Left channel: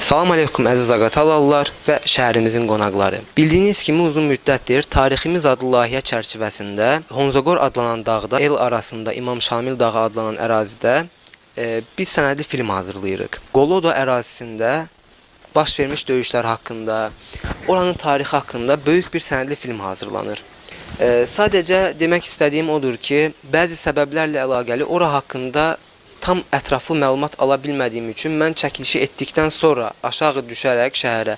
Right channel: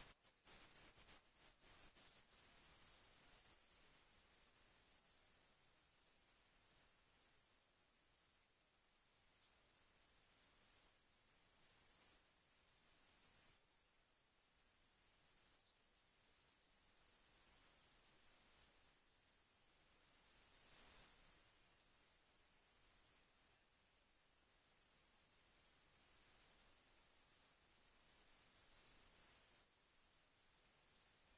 Salam aleykum əziz Ağatalallar və şəhərimizin qonaqları. Bildiyiniz kimi uzun müddətdir Tariximiz adlı layihə çərçivəsində Honzagor adlanan dağda el arasında İmam Şamil dağı adlanan ərazidə biz sənədli film hazırlayırıq. Qolodo ərazisində baş vermiş döyüşlər haqqında, oranın tarixi haqqında böyük bir sənədli film hazırlanır. Sadəcə demək istədiyim odur ki, bəzi səbəblərlə əlaqəli ora haqqında tam ətraflı məlumat ala bilmədiyim üçün mən çəkilişi etdikdən sonra aşağı düşərək şəhərə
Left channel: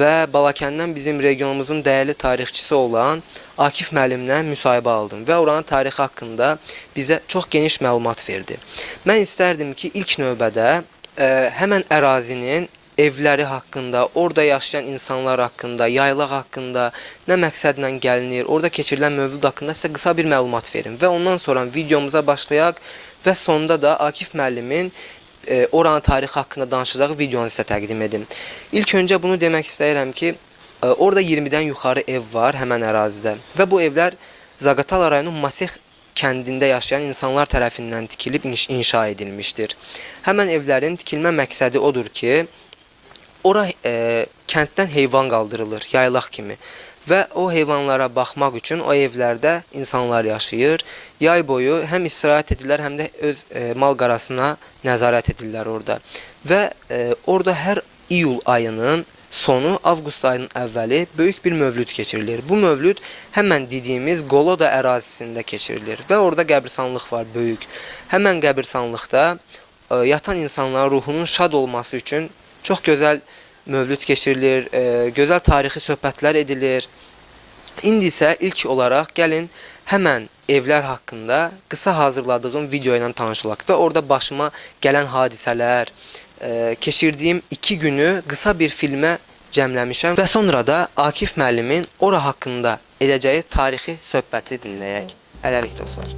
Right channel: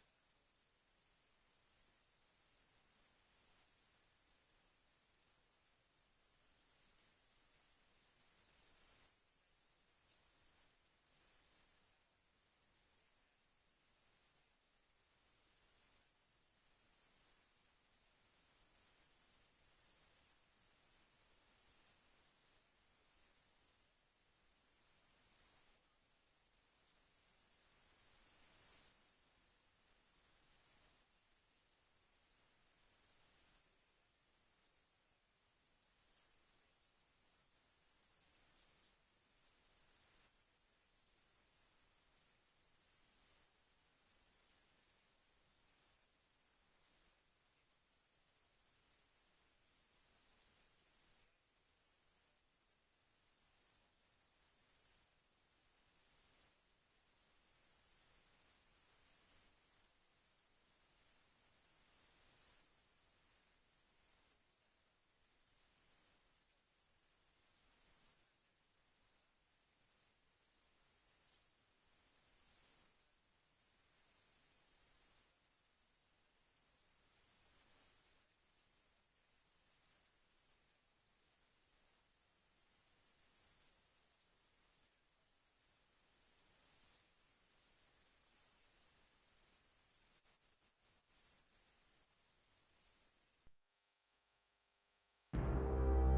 və Balakəndən bizim regionumuzun dəyərli tarixçisi olan Akif müəllimdən müsahibə aldım və oranın tarixi haqqında bizə çox geniş məlumat verdi. Mən istərdim ki, ilk növbədə həmən ərazinin evləri haqqında, orada yaşayan insanlar haqqında, yaylaq haqqında, nə məqsədlə gəlinir, orada keçirilən mövcud haqqında sizə qısa bir məlumat verim və ondan sonra videomuza başlayaq və sonda da Akif müəllimin oranın tarixi haqqında danışacağı videonu sizə təqdim edim. İlk öncə bunu demək istəyirəm ki, orada 20-dən yuxarı ev var həmən ərazidə və bu evlər Zaqatala rayonunun Masih kəndində yaşayan insanlar tərəfindən tikilib inşa edilmişdir. Həmən evlərin tikilmə məqsədi odur ki, ora kənddən heyvan qaldırılır, yaylaq kimi. Və o heyvanlara baxmaq üçün o evlərdə insanlar yaşayır. Yay boyu həm istirahət edirlər, həm də öz mal qarasına nəzarət edirlər orada. Və orada hər iyul ayının sonu, avqust ayının əvvəli böyük bir mövlüd keçirilir. Bu mövlüd həmən dediyimiz Qoloda ərazisində keçirilir və orada qəbirstanlıq var böyük. Həmən qəbirstanlıqda yatan insanların ruhunun şad olması üçün çox gözəl mövlüd keçirilir, gözəl tarixi söhbətlər edilir. İndi isə ilk olaraq gəlin həmən evlər haqqında qısa hazırladığım video ilə tanışılaq və orada başıma gələn hadisələr, keçirdiyim 2 günü qısa bir filmə cəmləmişəm və sonra da Akif müəllimin ora haqqında edəcəyi tarixi söhbəti dinləyək. Hələlik dostlar.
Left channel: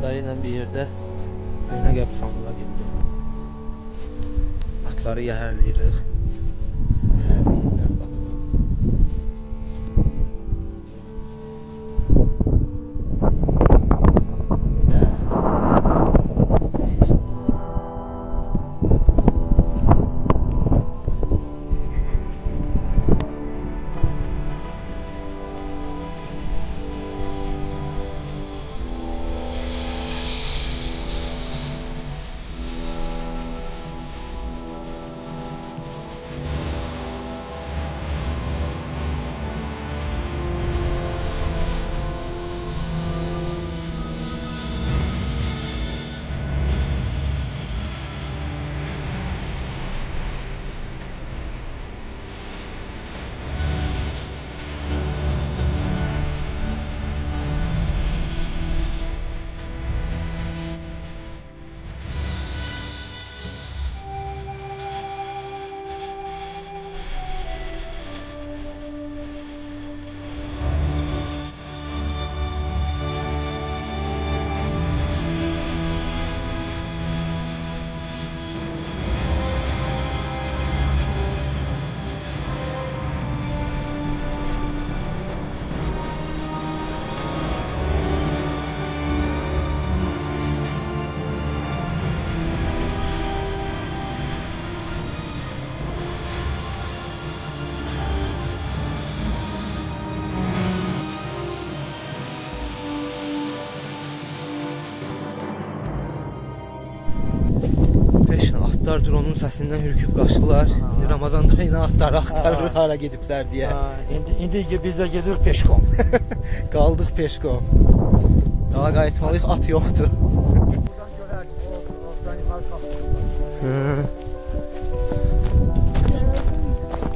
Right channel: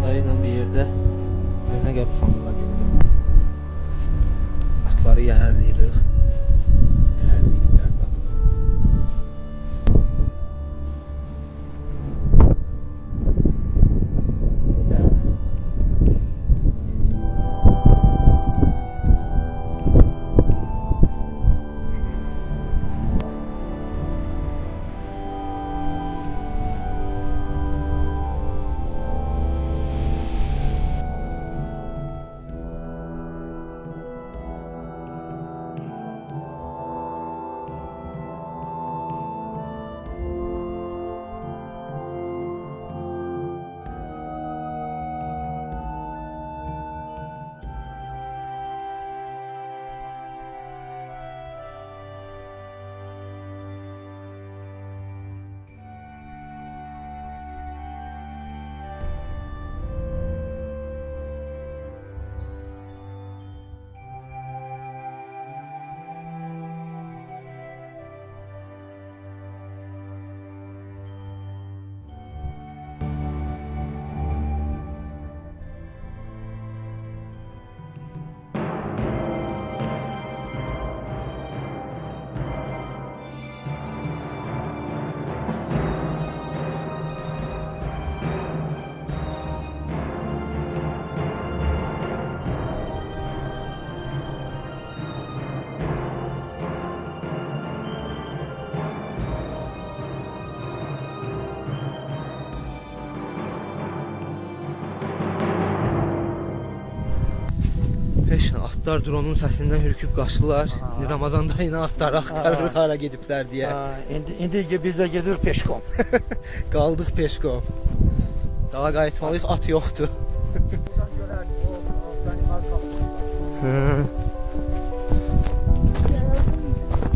Dayıyla bir yerdə önə qəbirstanlığa getdim. Atları yəhərləyirik. Yəhərləyirlər baxın. Atlar dronun səsindən hürküb qaçdılar. İndi Ramazan dayını axtarırıq hara gediblər deyə. İndi biz də gedirik peşkom. Qaldıq peşkom. Dala qayıtmalıyıq, at yoxdur. Buradan görərdik, o altdan yuxarı qalxırlar.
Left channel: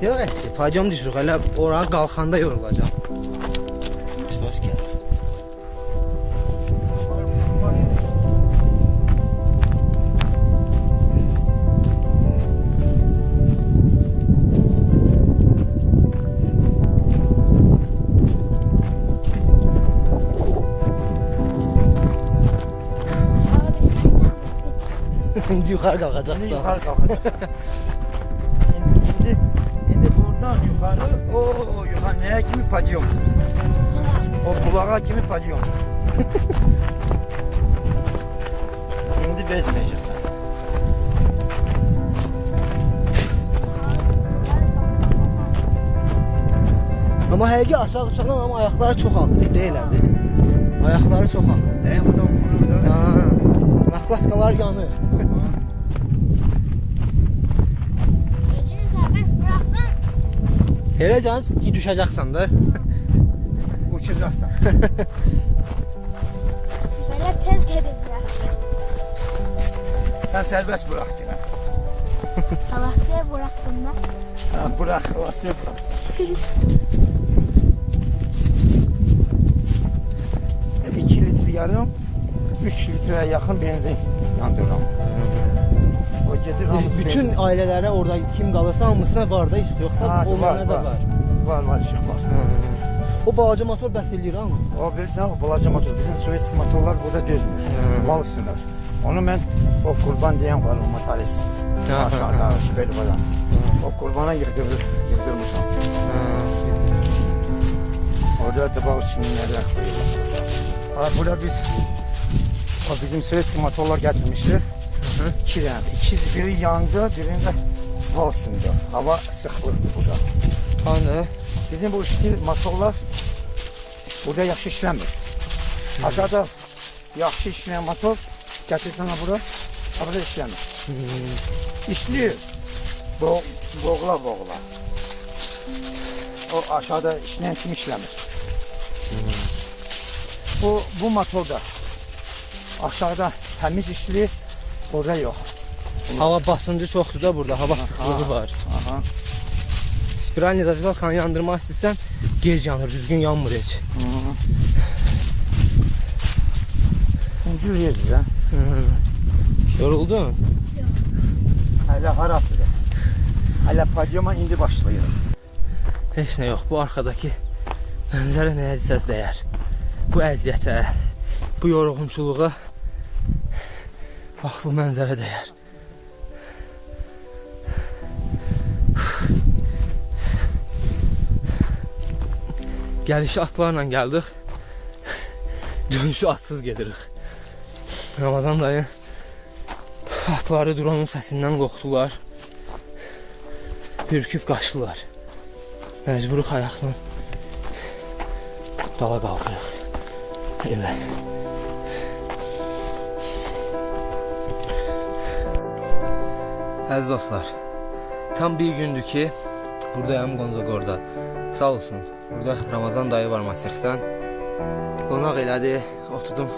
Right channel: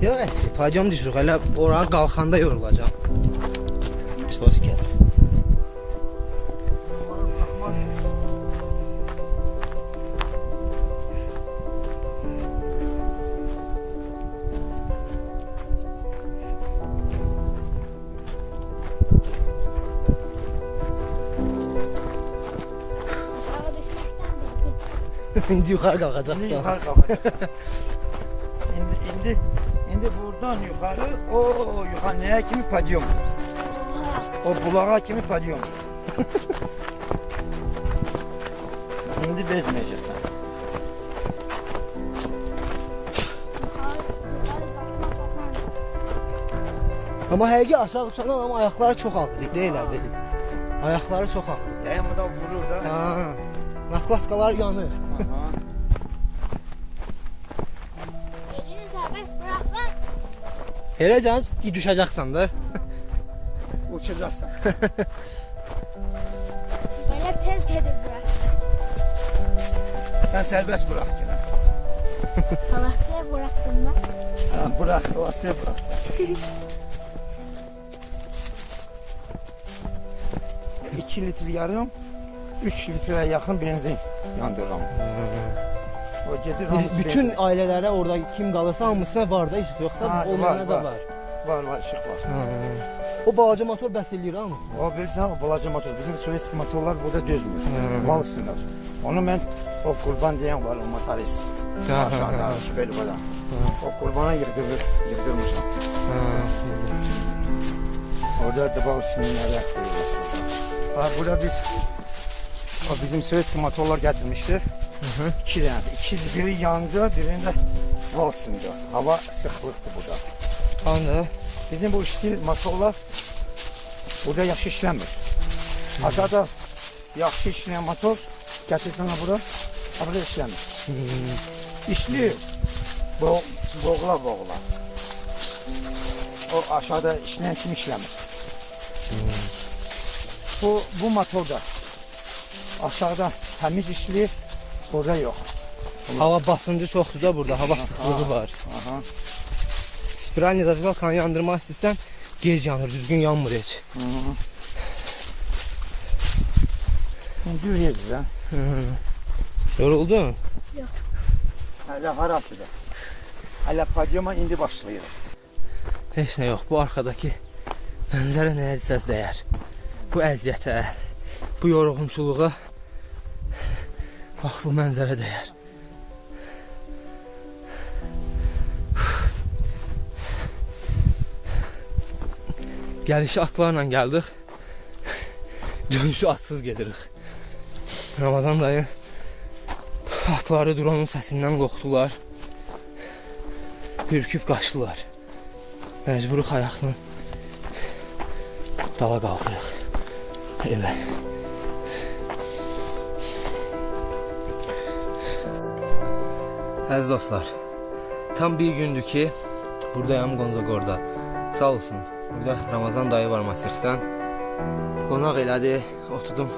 Yox, əksi, padyom düşürük, hələ oraya qalxanda yorulacaq. Hoş gəlir. İndi yuxarı qalxacaqsan. Yuxarı qalxacaqsan. İndi buradan yuxarı, yuxarı nəyə kimi padyom? O bulağa kimi padyom. İndi bezməyəcəksən. Amma həqiqi aşağı uçandan ama ayaqları çox ağrır, deyil abi. Ayaqları çox ağrır. Dəyəmədən vurur da. Naklatkalar yanır. Hele can, düşeceksen de. Uçacaqsan. Böyle tez gedib bıraxsın. Sən sərbəst bıraxdın. Havasıya bıraxdım ben. Bırax, havasıya bıraxsan. 2 litre yarım, 3 litreye yakın benzin yandırıram. O gedir hamısı Bütün benzin. ailelere orada kim kalırsa hamısına var da işte yoksa olmayana da var. Var, işıq var. O balaca motor bəs eləyir hamı. O bilirsən, o balaca motor. Bizim Sovetski motorlar burada dözmür. Mal sınır. Onu mən, o Qurban deyən var, o motorist. Aşağıda, Sübeylibadan. O Qurbana yığdırmışam. Orada da bak çimlere koyuyorlar. Burada o bizim Sovetski motorlar getirmişti. İki tane. Biri yandı, birinde val sındı. Hava sıklıktı burada. Hani? Bizim bu işte motorlar burada yaxşı işləmir. Aşağıda yaxşı işləyən motor gətirsən bura, burada işləmir. İşləyir. Boğula. O aşağıda işləyən kimi işləmir. Bu motorda aşağıda təmiz işləyir, burada yox. Hava basıncı çoxdur da burada, hava sıxlığı var. Spiralni zajvalkanı yandırmaq istəsən gec yanır, düzgün yanmır heç. Yürüyəcək lan. Yoruldun? Hələ harasıdır. Hələ padyoma indi başlayır. Heç nə yox, bu arxadakı mənzərə nəyə desəz dəyər. Bu əziyyətə, bu yorğunçuluğa bax bu mənzərə dəyər. Gəlişi atlarla gəldik. Dönüşü atsız gedirik. Ramazan dayı atları duranın səsindən qorxdular. Hürküb qaçdılar. Məcburuq ayaqla dala qalxırıq evə. Əziz dostlar, tam bir gündür ki buradayım Qonzagorda. Sağ olsun. Burada Ramazan dayı var Masixdən. Qonaq elədi, oturdum.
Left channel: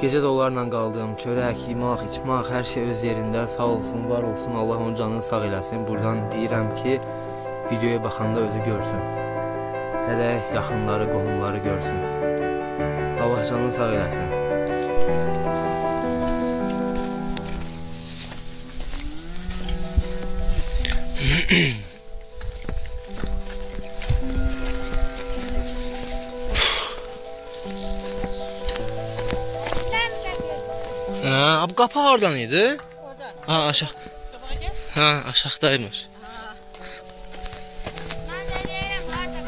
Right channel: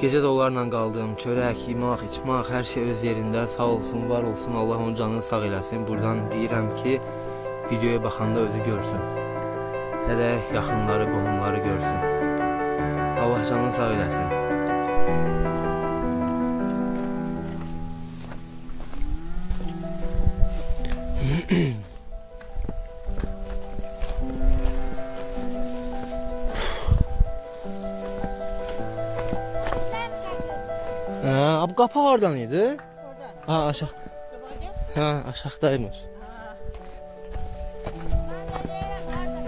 Gecə də onlarla qaldım. Çörək, yemək, içmək, hər şey öz yerində. Sağ olsun, var olsun. Allah onun canını sağ eləsin. Buradan deyirəm ki, videoya baxanda özü görsün. Hələ yaxınları, qohumları görsün. Allah canını sağ eləsin. Abi kapı oradan idi. Oradan. Ha aşağı. Ha aşağıdaymış. Ben de diyelim orada.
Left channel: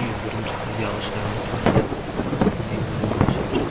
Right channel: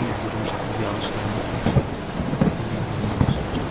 Yıldırım çakıl yağışlarımız var. Yıldırım yağışı olacak.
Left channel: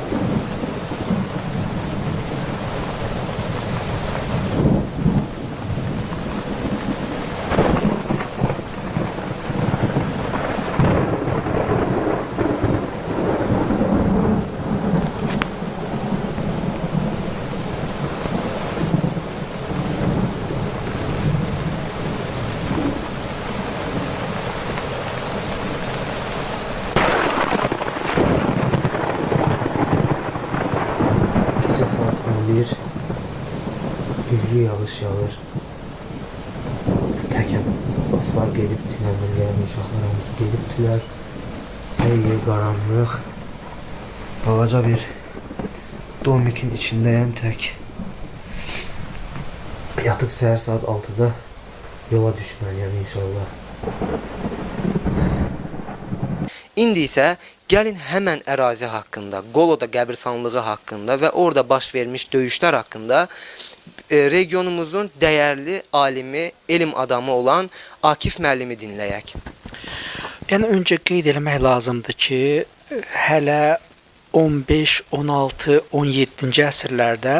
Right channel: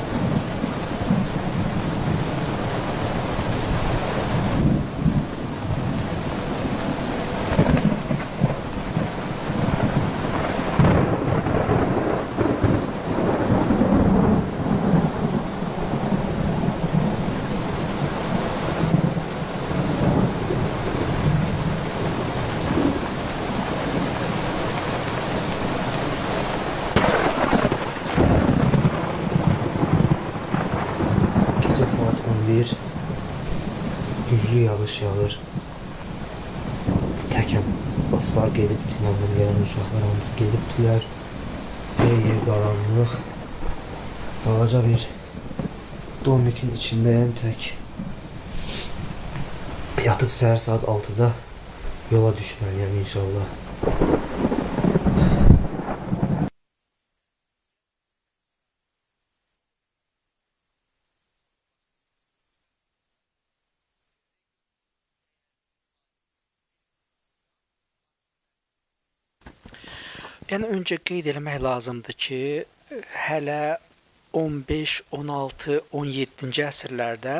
Gece saat 11. Güclü yağış yağır. Təkəm dostlar gedib tünelden gelen uşaqlar hamısı gedibdilər. Her yer qaranlıq. Balaca bir domikin içindəyəm tək. Yatıb səhər saat 6-da yola düşməliyəm inşallah. İndi isə gəlin həmən ərazi haqqında, Qoloda qəbirstanlığı haqqında və orada baş vermiş döyüşlər haqqında regionumuzun dəyərli alimi, elm adamı olan Akif müəllimi dinləyək. Yəni öncə qeyd eləmək lazımdır ki, hələ 15, 16, 17-ci əsrlərdə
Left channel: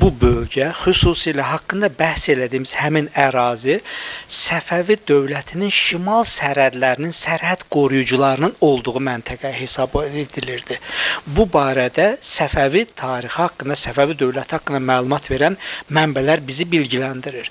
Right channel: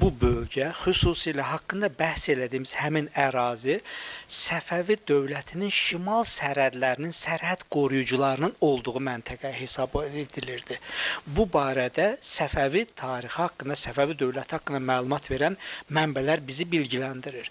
bu bölgə, xüsusilə haqqında bəhs elədiyimiz həmin ərazi Səfəvi dövlətinin şimal sərhədlərinin sərhəd qoruyucularının olduğu məntəqə hesab edilirdi. Bu barədə Səfəvi tarixi haqqında, Səfəvi dövləti haqqında məlumat verən mənbələr bizi bilgiləndirir.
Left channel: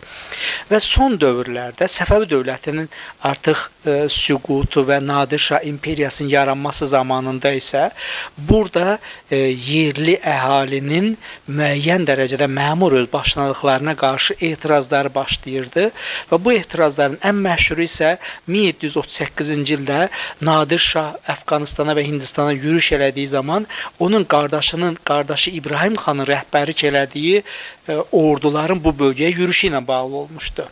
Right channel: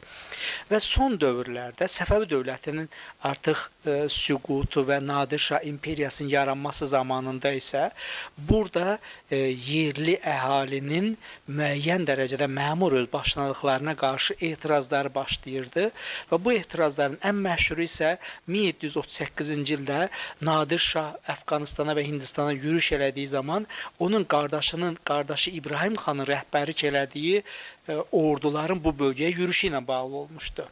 Və son dövrlərdə Səfəvi dövlətinin artıq süqutu və Nadir Şah imperiyasının yaranması zamanında isə burada yerli əhalinin müəyyən dərəcədə məmur özbaşınalıqlarına qarşı etirazları başlayırdı və bu etirazların ən məşhuru isə 1738-ci ildə Nadir Şah Əfqanistana və Hindistana yürüş elədiyi zaman onun qardaşı İbrahim xanın rəhbərlik elədiyi orduların bu bölgəyə yürüşü ilə bağlı olmuşdu.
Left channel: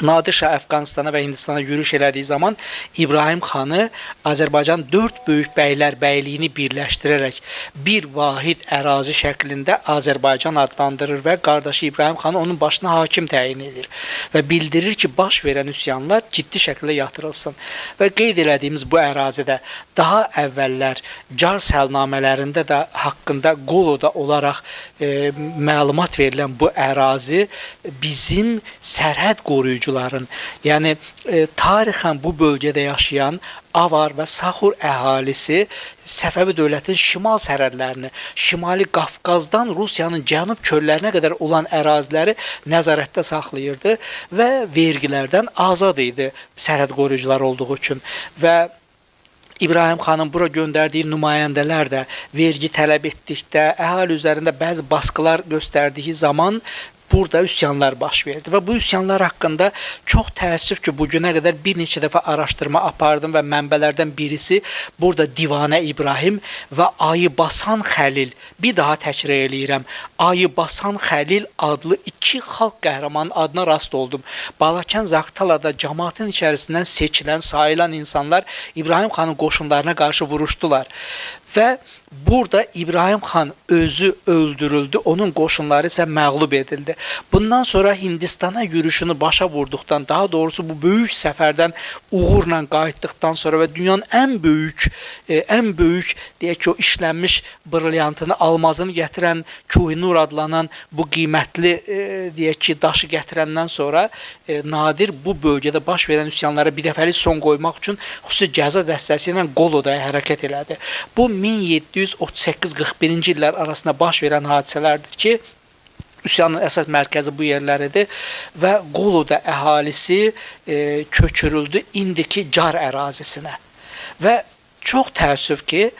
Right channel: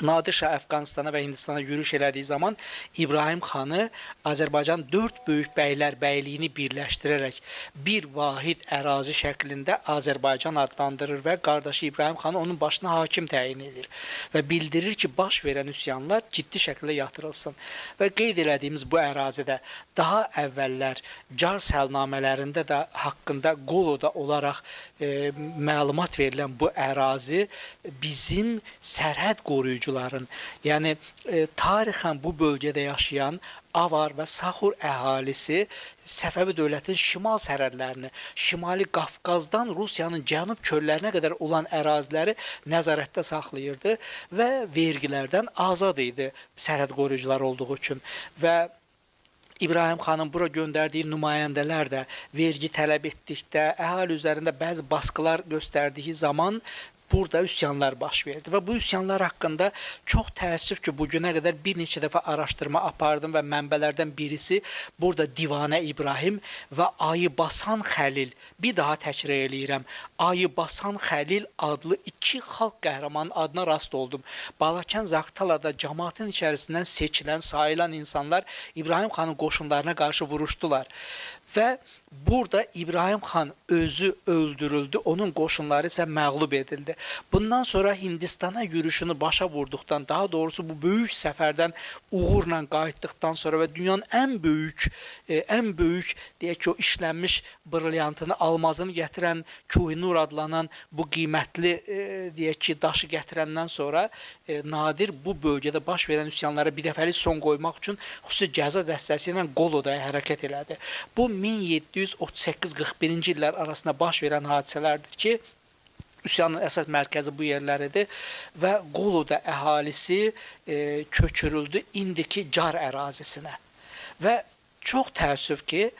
Nadir Şah Əfqanistana və Hindistana yürüş elədiyi zaman İbrahim xanı Azərbaycan 4 böyük bəylər bəyliyini birləşdirərək bir vahid ərazi şəklində Azərbaycan adlandırır və qardaşı İbrahim xanı onun başına hakim təyin edir və bildirir ki, baş verən üsyanlar ciddi şəkildə yatırılsın. Və qeyd elədiyimiz bu ərazidə daha əvvəllər car səlnamələrində də haqqında Qoloda olaraq məlumat verilən bu ərazi bizim sərhəd qoruyucuların, yəni tarixən bu bölgədə yaşayan Avar və Saxur əhalisi Səfəvi dövlətinin şimal sərhədlərini, Şimali Qafqazdan Rusiyanın cənub çöllərinə qədər olan əraziləri nəzarətdə saxlayırdı və vergilərdən azad idi sərhəd qoruyucuları olduğu üçün. Və İbrahim xanın bura göndərdiyi nümayəndələr də vergi tələb etdikdə, əhali üzərində bəzi baskılar göstərdiyi zaman burada üsyanlar baş verdi və bu üsyanlar haqqında çox təəssüf ki, bu günə qədər bir neçə dəfə araşdırma apardım və mənbələrdən birisi burada Divanə İbrahim və Ayı Basan Xəlil, bir daha təkrar eləyirəm, Ayı Basan Xəlil adlı iki xalq qəhrəmanının adına rast oldum. Balakən Zaqatalada cəmaatın içərisindən seçilən, sayılan insanlar İbrahim xanın qoşunlarına qarşı vuruşdular və burada İbrahim xan özü öldürüldü, onun qoşunları isə məğlub edildi. Bundan sonra Hindistana yürüşünü başa vurduqdan, daha doğrusu bu böyük səfərdən uğurla qayıtdıqdan sonra və dünyanın ən böyük deyək ki, o işlənmiş brilyantını, almazını gətirən Kuhinur adlanan bu qiymətli deyək ki, daşı gətirəndən sonra Nadir bu bölgədə baş verən üsyanlara bir dəfəlik son qoymaq üçün xüsusi cəza dəstəsi ilə Qolodaya hərəkət elədi. Bu 1738-41-ci illər arasında baş verən hadisələrdir ki, üsyanın əsas mərkəzi bu yerləridir və Qoloda əhalisi köçürüldü indiki Car ərazisinə. Və çox təəssüf ki,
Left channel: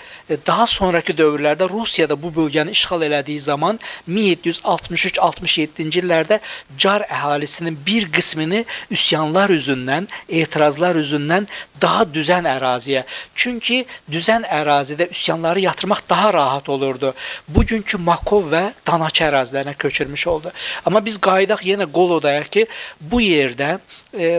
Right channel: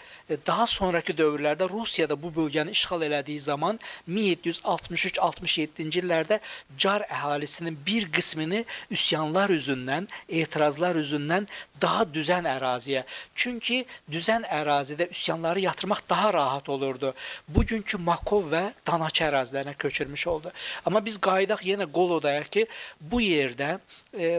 daha sonraki dövrlərdə Rusiyada bu bölgəni işğal elədiyi zaman 1763-67-ci illərdə Car əhalisinin bir qismini üsyanlar üzündən, etirazlar üzündən daha düzən əraziyə. Çünki düzən ərazidə üsyanları yatırmaq daha rahat olurdu. Bugünkü Makov və Danaçı ərazilərinə köçürmüş oldu. Amma biz qayıdaq yenə Qolodaya ki, bu yerdə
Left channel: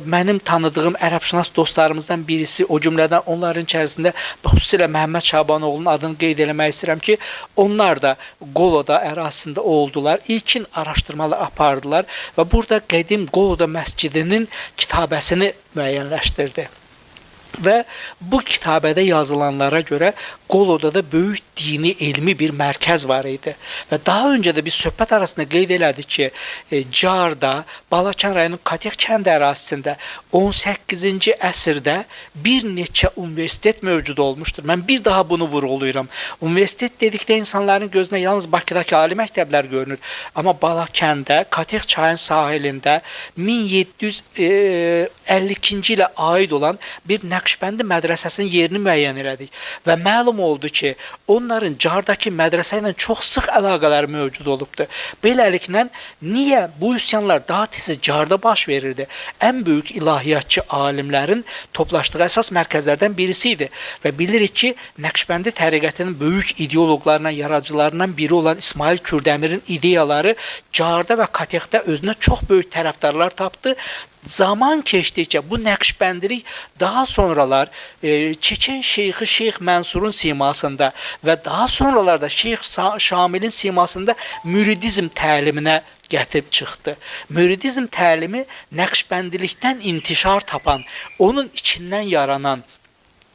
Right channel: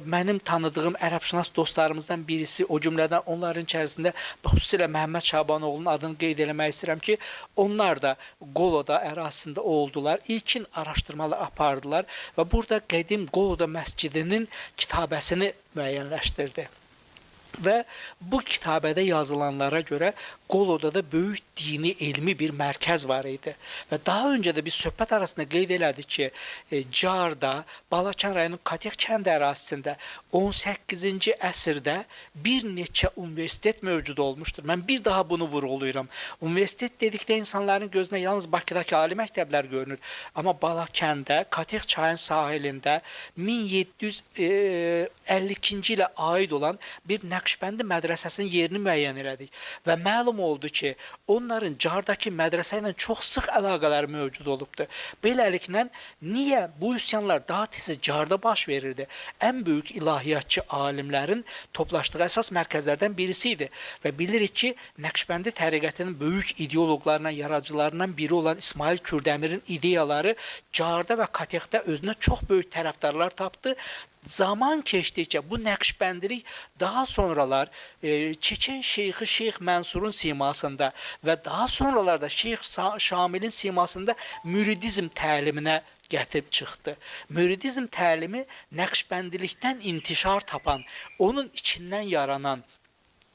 mənim tanıdığım ərəbşünas dostlarımızdan birisi, o cümlədən onların içərisində xüsusilə Məhəmməd Şabanoğlu'nun adını qeyd eləmək istəyirəm ki, onlar da Qoloda ərazisində oldular, ilkin araşdırmalar apardılar və burada qədim Qoloda məscidinin kitabəsini müəyyənləşdirdi. Və bu kitabədə yazılanlara görə Qolodada böyük dini, elmi bir mərkəz var idi. Və daha öncə də biz söhbət arasında qeyd elədik ki, Carda, Balakən rayonunun Katex kənd ərazisində 18-ci əsrdə bir neçə universitet mövcud olmuşdur. Mən bir daha bunu vurğulayıram. Universitet dedikdə insanların gözünə yalnız Bakıdakı ali məktəblər görünür. Amma Balakəndə, Katex çayın sahilində 1752-ci ilə aid olan bir Nəqşbəndi mədrəsəsinin yerini müəyyən elədik. Və məlum oldu ki, onların Cardakı mədrəsə ilə çox sıx əlaqələri mövcud olubdur. Beləliklə, niyə bu üsyanlar daha tez Carda baş verirdi? Ən böyük ilahiyyatçı alimlərin toplaşdığı əsas mərkəzlərdən birisi idi. Və bilirik ki, Nəqşbəndi təriqətinin böyük ideoloqlarından, yaradıcılarından biri olan İsmail Kürdəmirin ideyaları Carda və Katexdə özünə çox böyük tərəfdarlar tapdı. Zaman keçdikcə bu Nəqşbəndilik daha sonralar Çeçen şeyxi Şeyx Mənsurun simasında və daha sonralarda Şeyx Şamilin simasında müridizm təliminə gətirib çıxdı. Müridizm təlimi Nəqşbəndilikdən intişar tapan, onun içindən yaranan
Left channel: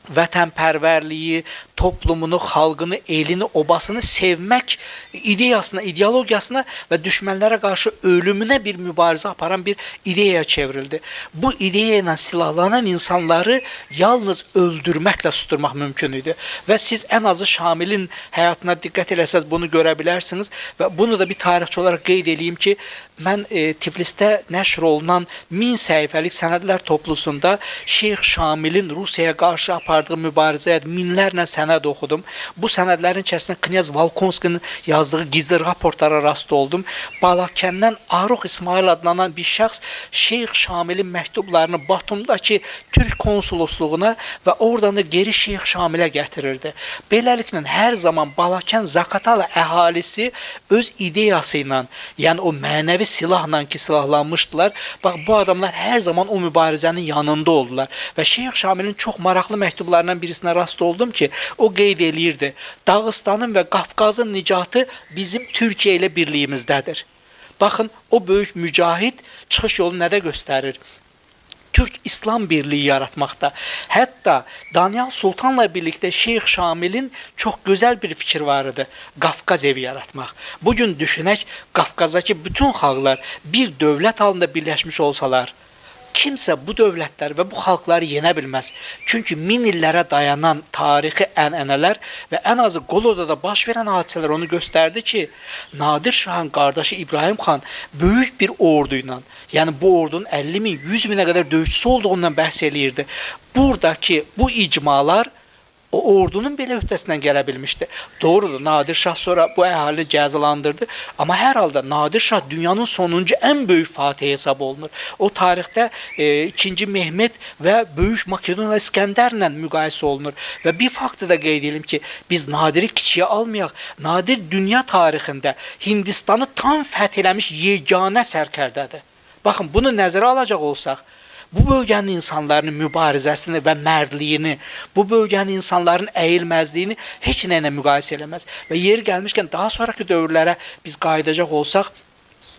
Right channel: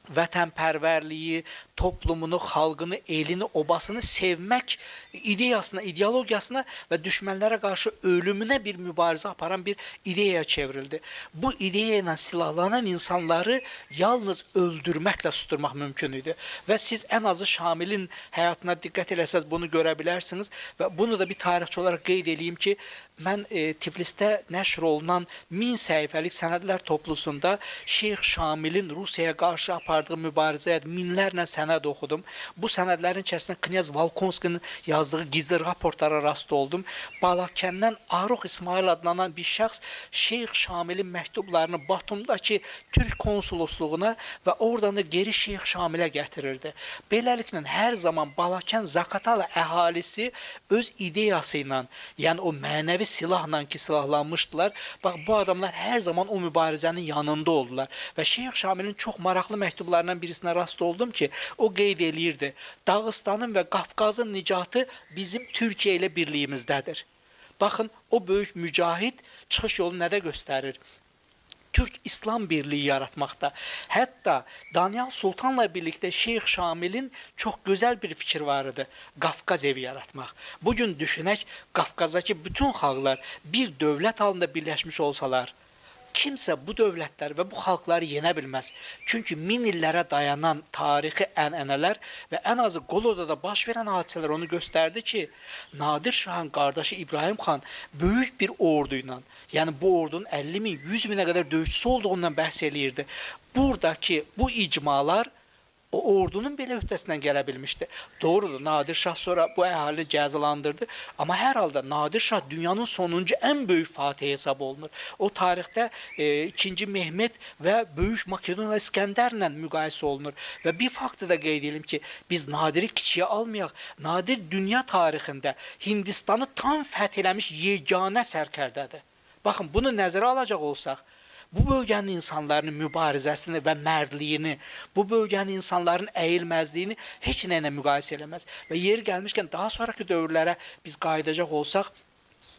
vətənpərvərliyi, toplumunu, xalqını, elini, obasını sevmək ideyasına, ideologiyasına və düşmənlərə qarşı ölümünə bir mübarizə aparan bir ideyaya çevrildi. Bu ideya ilə silahlanan insanları yalnız öldürməklə susturmaq mümkün idi. Və siz ən azı Şamilin həyatına diqqət eləsəz bunu görə bilərsiniz və bunu da bir tarixçi olaraq qeyd edeyim ki, mən Tiflisdə nəşr olunan 1000 səhifəlik sənədlər toplusunda Şeyx Şamilin Rusiyaya qarşı apardığı mübarizəyə minlərlə sənəd oxudum. Bu sənədlərin içərisində Knyaz Volkonskinin yazdığı gizli raportlara rast oldum. Balakəndən Aruq İsmail adlanan bir şəxs Şeyx Şamilin məktublarını Batumdakı Türk konsolosluğuna və oradan da geri Şeyx Şamilə gətirirdi. Beləliklə, hər zaman Balakən Zaqatala əhalisi öz ideyası ilə, yəni o mənəvi silahla ki silahlanmışdılar. Bax, bu adamlar hər zaman o mübarizənin yanında oldular. Və Şeyx Şamilin çox maraqlı məktublarından birisinə rast oldum ki, o qeyd eləyirdi. Dağıstanın və Qafqazın nicatı bizim Türkiyə ilə birliyimizdədir. Baxın, o böyük mücahid çıxış yolu nədə göstərir? Türk-İslam birliyi yaratmaqda. Hətta Danyal Sultanla birlikdə Şeyx Şamilin çox gözəl bir fikir var idi. Qafqaz evi yaratmaq. Bugün düşünək, Qafqazdakı bütün xalqlar bir dövlət halında birləşmiş olsalar, kimsə bu dövlətlər və bu xalqları yenə bilməz. Çünki 1000 illərə dayanan tarixi ənənələr və ən azı Qolodada baş verən hadisələr onu göstərdi ki, Nadir Şahın qardaşı İbrahim xan böyük bir ordu ilə, yəni bu ordunun 50 min, 100 minə qədər döyüşçüsü olduğundan bəhs eləyirdi. Buradakı bu icmalar o ordunun belə öhdəsindən gələ bilmişdi. Doğrudur, Nadir Şah sonra bu əhalini cəzalandırdı. Amma hər halda Nadir Şah dünyanın sonuncu ən böyük fatih hesab olunur. O tarixdə 2. Mehmet və Böyük Makedoniya İskəndərlə müqayisə olunur. Və bir faktı da qeyd edelim ki, biz Nadiri kiçiyə almayaq. Nadir dünya tarixində Hindistanı tam fəth eləmiş yeganə sərkərdədir. Baxın, bunu nəzərə alacaq olsaq, bu bölgənin insanların mübarizəsini və mərdliyini, bu bölgənin insanların əyilməzliyini heç nə ilə müqayisə eləməz. Və yeri gəlmişkən daha sonraki dövrlərə biz qayıdacaq olsaq,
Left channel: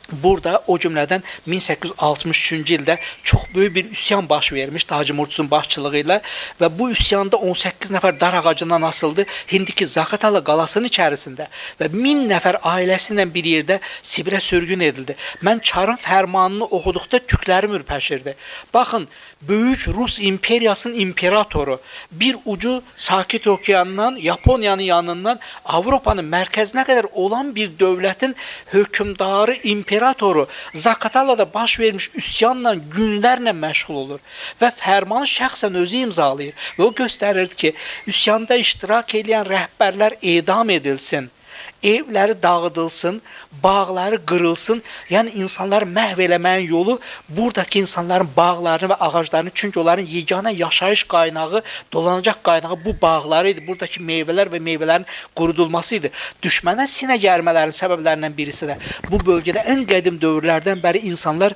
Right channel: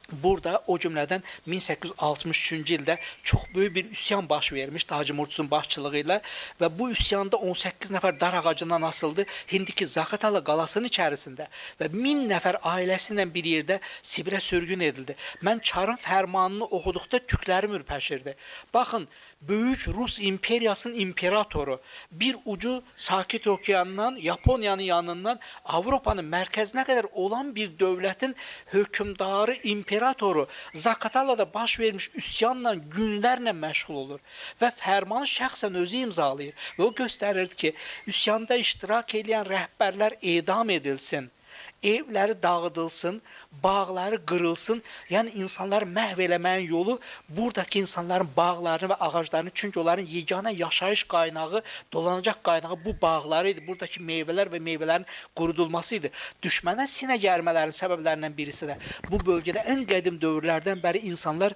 burada o cümlədən 1863-cü ildə çox böyük bir üsyan baş vermiş Hacı Murtuzun başçılığı ilə və bu üsyanda 18 nəfər dar ağacından asıldı Hindiki Zaqatala qalasının içərisində və 1000 nəfər ailəsi ilə bir yerdə Sibirə sürgün edildi. Mən Çarın fərmanını oxuduqda tüklərim ürpəşirdi. Baxın, Böyük Rus imperiyasının imperatoru bir ucu Sakit Okeanından, Yaponiyanın yanından Avropanın mərkəzinə qədər olan bir dövlətin hökümdarı, imperatoru Zaqatalada baş vermiş üsyanla günlərlə məşğul olur və fərmanı şəxsən özü imzalayır və o göstərir ki, üsyanda iştirak edən rəhbərlər edam edilsin, evləri dağıdılsın, bağları qırılsın, yəni insanları məhv eləməyin yolu buradakı insanların bağlarını və ağaclarını, çünki onların yeganə yaşayış qaynağı, dolanacaq qaynağı bu bağları idi, buradakı meyvələr və meyvələrin qurudulması idi. Düşmənə sinə gərmələrin səbəblərindən birisi də bu bölgədə ən qədim dövrlərdən bəri insanlar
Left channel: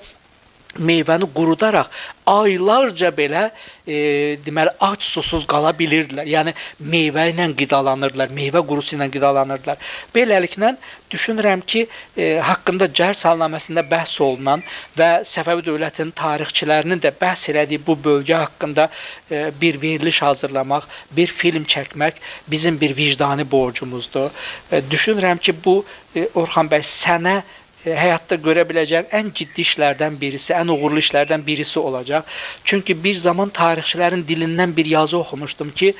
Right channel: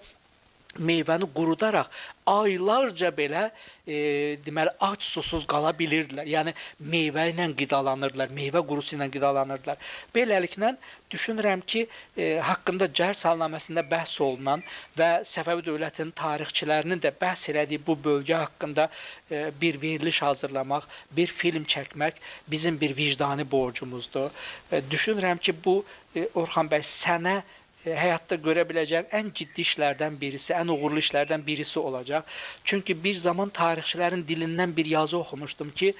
meyvəni qurudaraq aylarca belə deməli ac susuz qala bilirdilər. Yəni meyvə ilə qidalanırdılar, meyvə qurusu ilə qidalanırdılar. Beləliklə düşünürəm ki, haqqında Cər salnaməsində bəhs olunan və Səfəvi dövlətinin tarixçilərinin də bəhs elədiyi bu bölgə haqqında bir veriliş hazırlamaq, bir film çəkmək bizim bir vicdani borcumuzdur. Düşünürəm ki, bu Orxan bəy sənə həyatda görə biləcək ən ciddi işlərdən birisi, ən uğurlu işlərdən birisi olacaq. Çünki bir zaman tarixçilərin dilindən bir yazı oxumuşdum ki,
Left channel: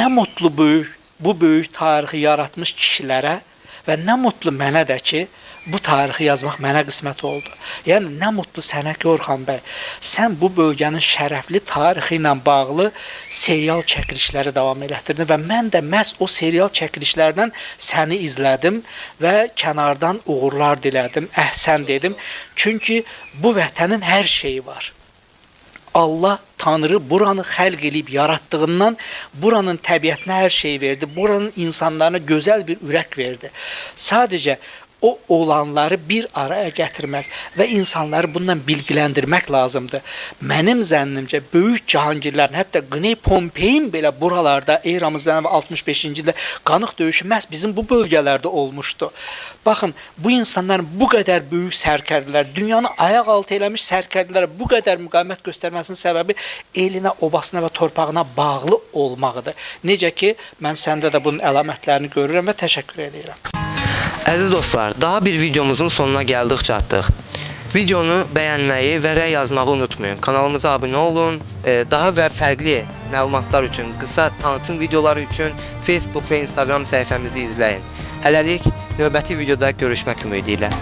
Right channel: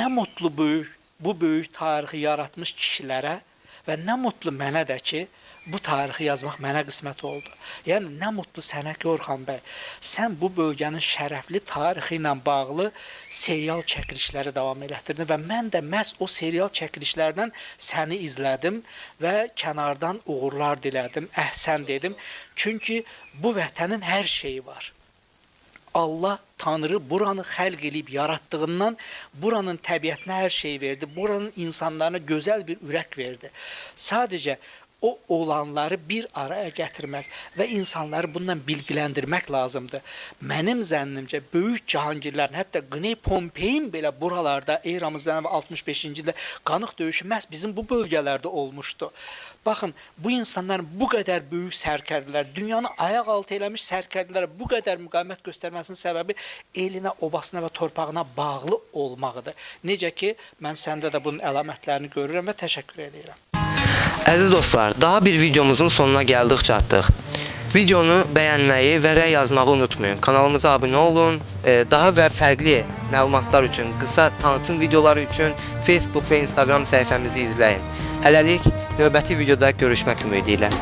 nə mutlu bu böyük tarixi yaratmış kişilərə və nə mutlu mənə də ki, bu tarixi yazmaq mənə qismət oldu. Yəni, nə mutlu sənə ki, Orxan bəy, sən bu bölgənin şərəfli tarixi ilə bağlı serial çəkilişləri davam elətdirdin və mən də məhz o serial çəkilişlərdən səni izlədim və kənardan uğurlar dilədim, əhsən dedim. Çünki bu vətənin hər şeyi var. Allah, Tanrı buranı xəlq eləyib yaratdığından buranın təbiətinə hər şey verdi, buranın insanlarına gözəl bir ürək verdi. Sadəcə o olanları bir araya gətirmək və insanları bundan bilgiləndirmək lazımdır. Mənim zənnimcə böyük cahangirlərin, hətta Qney Pompeyin belə buralarda eramızdan 65-ci ildə qanıq döyüşü məhz bizim bu bölgələrdə olmuşdu. Baxın, bu insanların bu qədər böyük sərkərdilər, dünyanı ayaq altı eləmiş sərkərdilər bu qədər müqavimət göstərməsinin səbəbi elinə, obasına və torpağına bağlı olmağıdır. Necə ki, mən səndə də bunun əlamətlərini görürəm və təşəkkür edirəm. Əziz dostlar, daha bir videomuzun sonuna gəldik çatdıq. Videonu bəyənməyi və rəy yazmağı unutmayın. Kanalımıza abunə olun. Daha və fərqli məlumatlar üçün, qısa tanıtım videoları üçün Facebook və Instagram səhifəmizi izləyin. Hələlik növbəti videoda görüşmək ümidi ilə.